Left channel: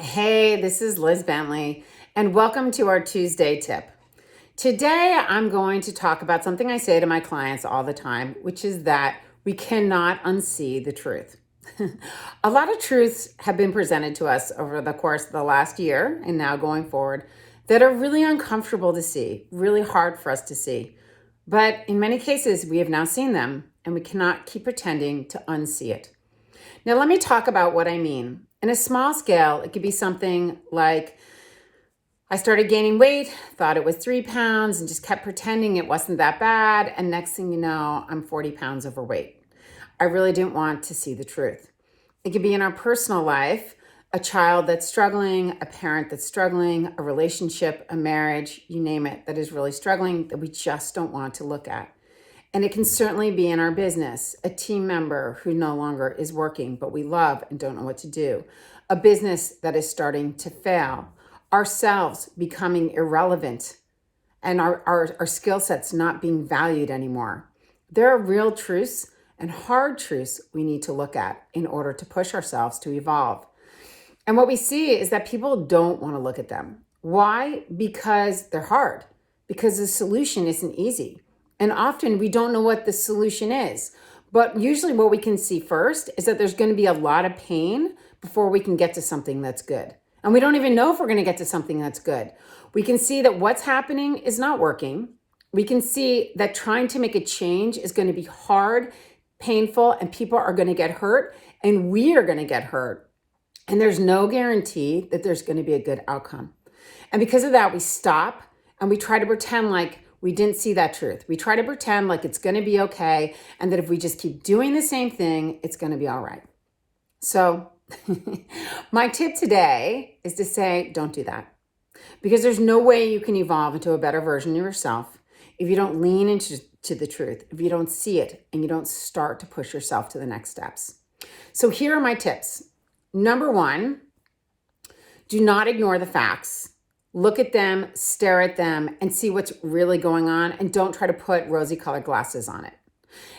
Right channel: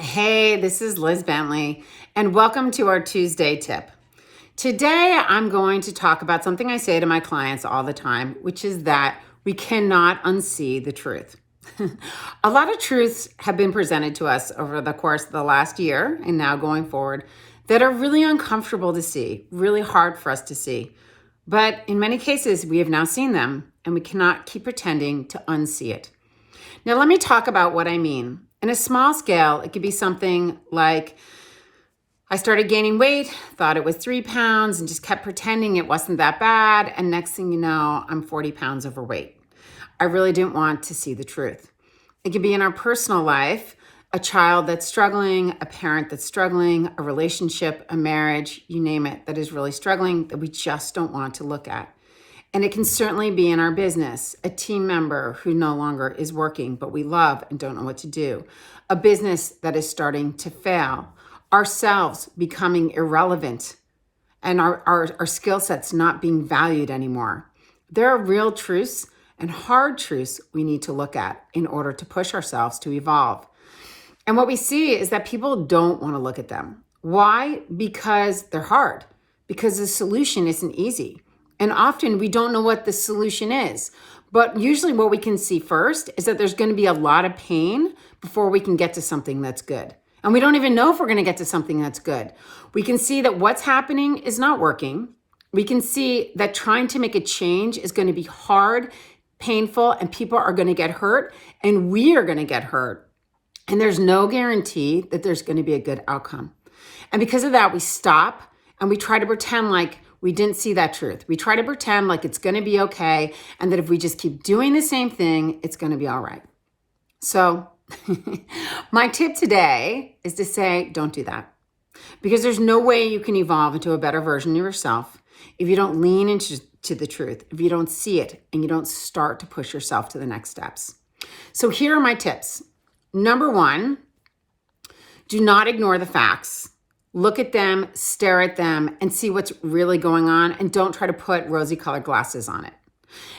Hey, this is Liz Bentley, and welcome to our Tuesday tip. Today, I'm going to talk about something I say to my clients all the time, which is that we cannot unsee the truth. A lot of truths have been presented to us over the course of the last year and now going forward that are really uncomfortable to see, really hard for us to see. But in many cases, we have now seen them, and we cannot keep pretending to unsee it. Now, let me talk about what I mean. In a small scale, it could be something like I started gaining weight, thought it was 3 pounds, and just kept pretending it wasn't that bad. And next thing you know, I'm 40 pounds overweight. I really didn't want to see the truth. It could be in our personal life, a child that's struggling, a parent that's struggling, a relationship, a marriage, you name it, that is really struggling that we just don't want to look at. And it can certainly be in our business, a team member who no longer is working, but we love and don't know what to do, a business that is starting to fail, ourselves becoming irrelevant, and our skill sets not being valued anymore. There are real truths and hard truths we need to look at in order to push ourselves to evolve. And what we see is that people don't want to look at them. Why? Because they're hard, because the solution isn't easy. And often we don't know what the solution is. But usually what we can see first is that there's going to be a lot of pain before we can get to something that's good. And we don't even know if we're going to get to something that's good. We can see that what's happening is not working. We can see that trying to make a change is going to be hard, painful, and people are going to get hurt, and we are going to get hurt. And there's no guarantee that there's going to be a good outcome. And because of that, we stop and we try to pretend like we didn't see that truth. We try to pretend like it's going to be okay, and that if we just keep doing the same thing, it's going to be all right. So my tip today is to say, don't do that. Because there's no way you can evolve into a better version of yourself if you don't lean into the truth, if you don't see it, and you don't start to push yourself to the next steps. So here are my tips. Number one, do not ignore the facts. Look at them, stare at them, and see what's really going on, and don't try to put rosy-colored glasses on it.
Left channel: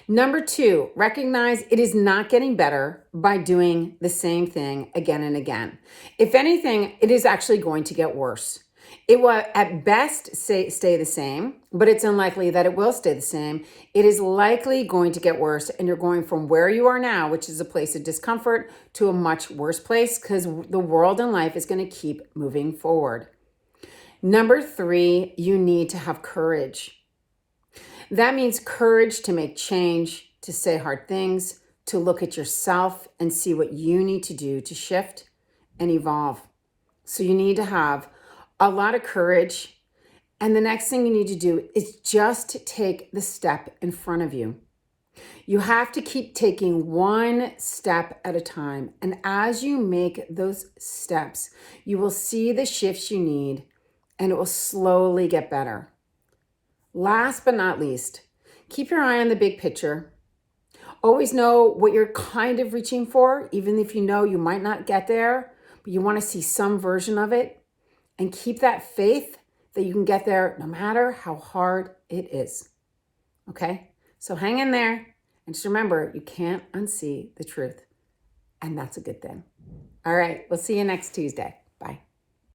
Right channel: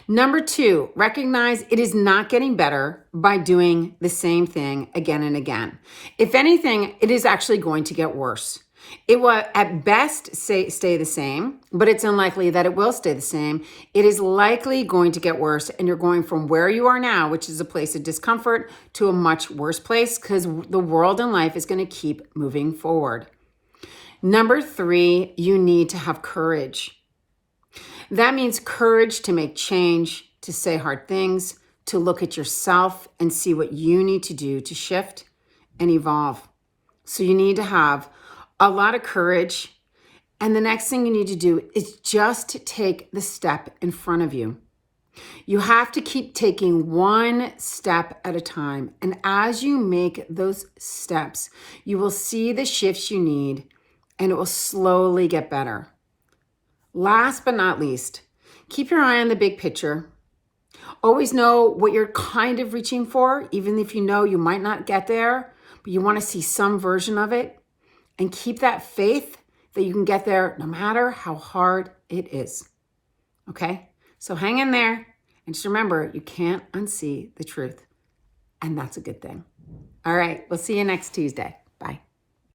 Number two, recognize it is not getting better by doing the same thing again and again. If anything, it is actually going to get worse. It will at best stay the same, but it's unlikely that it will stay the same. It is likely going to get worse, and you're going from where you are now, which is a place of discomfort, to a much worse place, because the world and life is going to keep moving forward. Number three, you need to have courage. That means courage to make change, to say hard things, to look at yourself and see what you need to do to shift and evolve. So you need to have a lot of courage. And the next thing you need to do is just take the step in front of you. You have to keep taking one step at a time. And as you make those steps, you will see the shifts you need, and it will slowly get better. Last but not least, keep your eye on the big picture. Always know what you're kind of reaching for, even if you know you might not get there, but you want to see some version of it. And keep that faith that you can get there no matter how hard it is. Okay? So hang in there. And just remember, you can't unsee the truth. And that's a good thing. All right, we'll see you next Tuesday. Bye.